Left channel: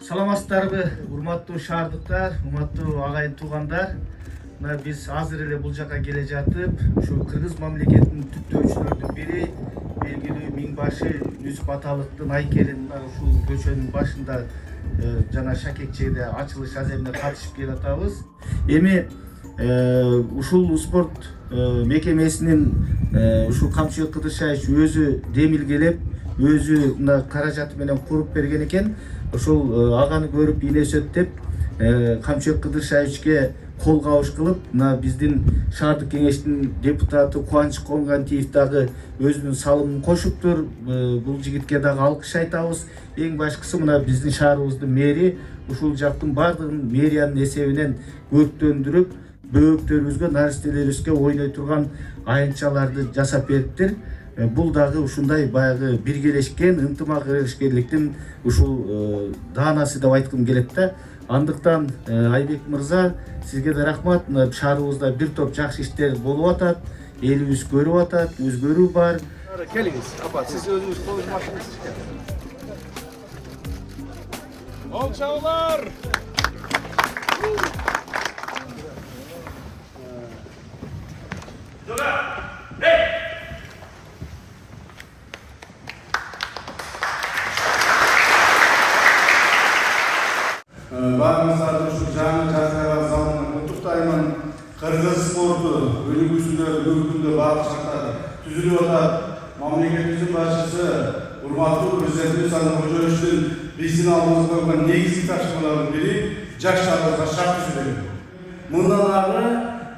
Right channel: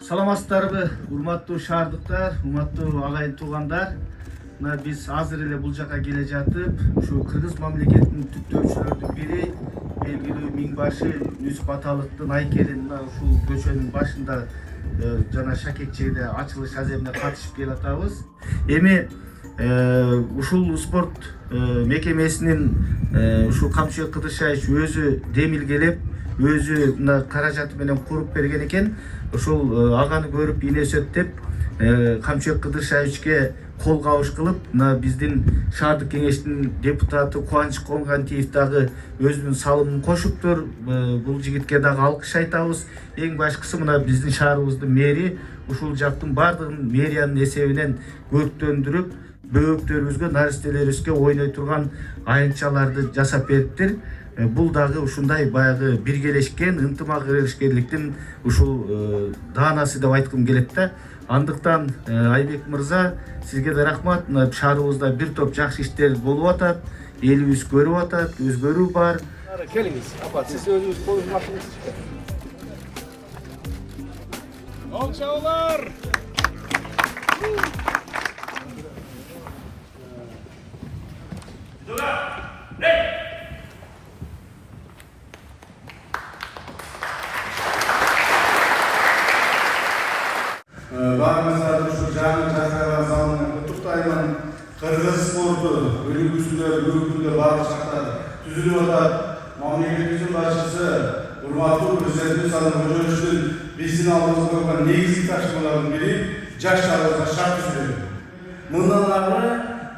Саламатсыздарбы, урматтуу шаардыктар, урматтуу агайын туугандар. Мына биз азыр эле бул жака келе жатып, ушу Кыргыз мамлекетинин түптөөчүлөрдүн бири белгилүү миңбашы Юсуп Аталыктын айкелин ушул көчөнүн башында жана Шакекчеде ачылыш аземине катышып келатабыз. Эми ушул спорт мекемесинин ушул Камчыбек Кыдыршаевич өзү демилгелеп, өзү мына каражаты менен куруп берген экен. Ошол аганы көрүп инесет деп Камчыбек Кыдыршаевичке кол кабыш кылып, мына биздин шаардык кеңештин депутаты Кубаныч Конгантиев дагы өзүнүн салымын кошуптур. Бул жигитке дагы алкыш айтабыз. Эң башкысы мына биздин шаарыбыздын мэри ушул жактын бардыгын мэриянын эсебинен өрттөндүрүп, бөбөктөрүбүзгө, наристелерибизге ойной турган айынчаларды жасап бериптир. Бул дагы ушундай баягы биргелешкен, ынтымак ишкерликтин ушул даанасы деп айткым келет да. Андыктан Айбек мырза, сизге да рахмат. Шаарыбызда бир топ жакшы иштер болуп атат, элибиз көрүп атат, өзгөрүү бар. Келиңиз, апа, сиз өзүңүз колуңузду машыгыңыз ишке. Ол чабуулар! Барыңыздарды ушу жаңы жасалган залынан куттуктаймын. Кыргыз спорту үлгүсүндө бүгүнкү күндө баардык шарттар түзүлүп атат. Мамлекетибиздин башчысы урматтуу президентибиз Садыр Кожоевичтин биздин алдыбызга койгон негизги тапшырмалардын бири жаштарыбызга шарт түзүү. Мындан ары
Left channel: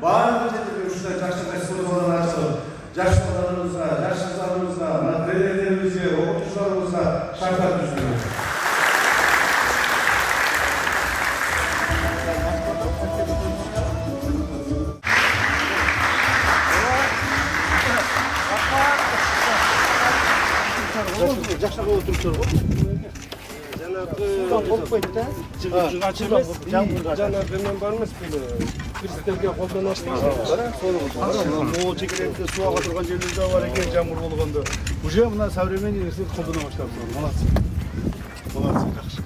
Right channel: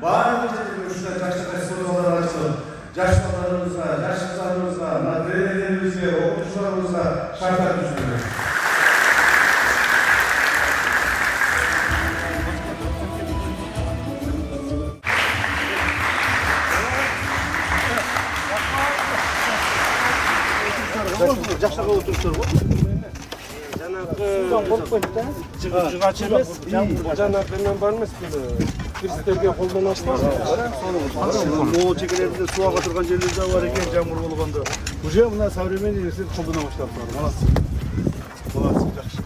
баардык жерде ушундай жаштар спорт залдары ачылып, жаш балдарыбызга, жаш кыздарыбызга, тренерлерибизге, окутуучуларыбызга шарттар түзүлөт. Жакшага отуруптур го. Жанагы болбойт да. Жыгач эмес, жанагы мен бар эмес кырсыздарга колдон ачпайбы? Сону могул чекелерибизде суу ага турган жерлер да бар экен, жамгыр болгондо. Уже мына современный нерсе колдоно баштаптыр. Молодцы. Молодцы, жакшы.